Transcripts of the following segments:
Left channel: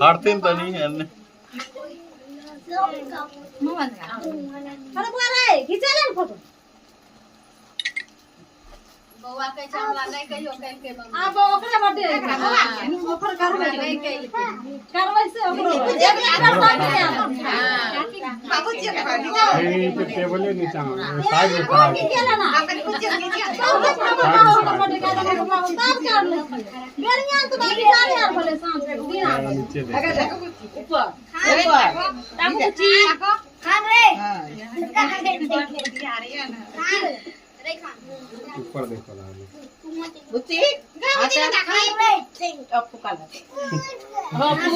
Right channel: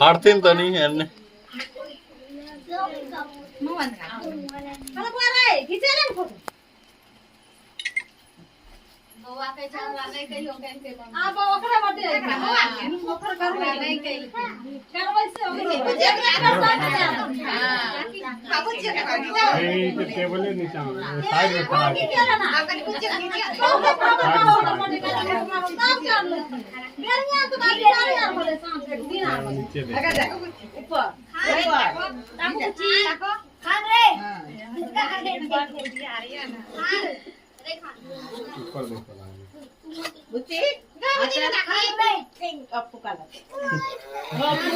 हारतीन तो नहीं है ने अरे बुआ रे खींचे ले फोटो बउआ के चावला नहीं कहियो केन के आ ओकरे बर्थडे ओकर करबै नहीं कहि करबै से ओकरो बाबू जी के ये तो टेबल नीचे साइड में खड़ा है अपन कुछ नीचे सब कर ले बेरिया तो बाकी सारे यार भले शाम के दिन आ अगर देखो ऊपर ताको कुची खान रे ऊपर देखो ना बुच्ची अच्छा खाई रे अब पुका ले हां तू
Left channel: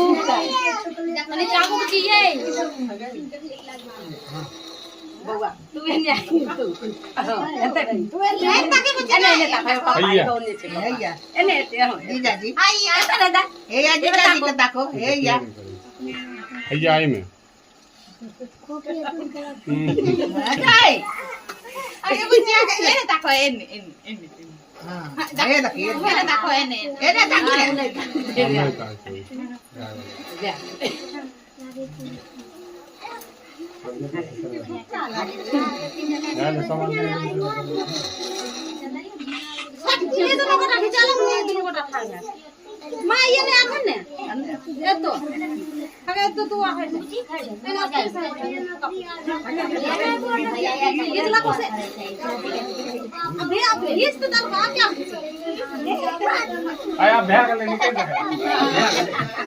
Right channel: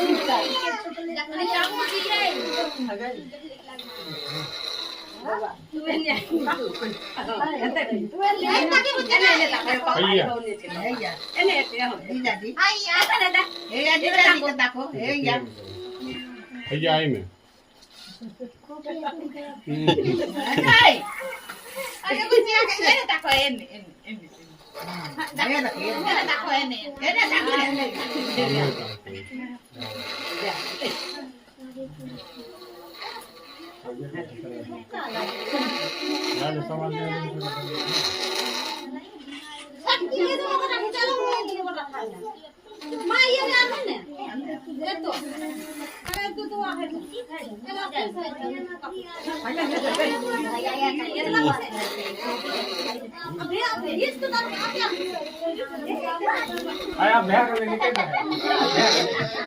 अरे चाकू बुच्ची ये बउआ तू एने तू एते तू एने ताके बुच्ची एने ताके पापा दोने छे हैया एने एते हो जीजा जी हैया एने दा हैया जीजा जी को ताको हैया हैया आई में काय अरे बुच्ची एने ताको एने हां ये देखिए एने ताको एने ताको एने यार सामान ये तो गोटा खिचा लो ये गोटा खा यार मां ये ने आन ने ये तो अरे तू आ है ये लगा से अबे इस तो दर क्या आया बैग ले निकल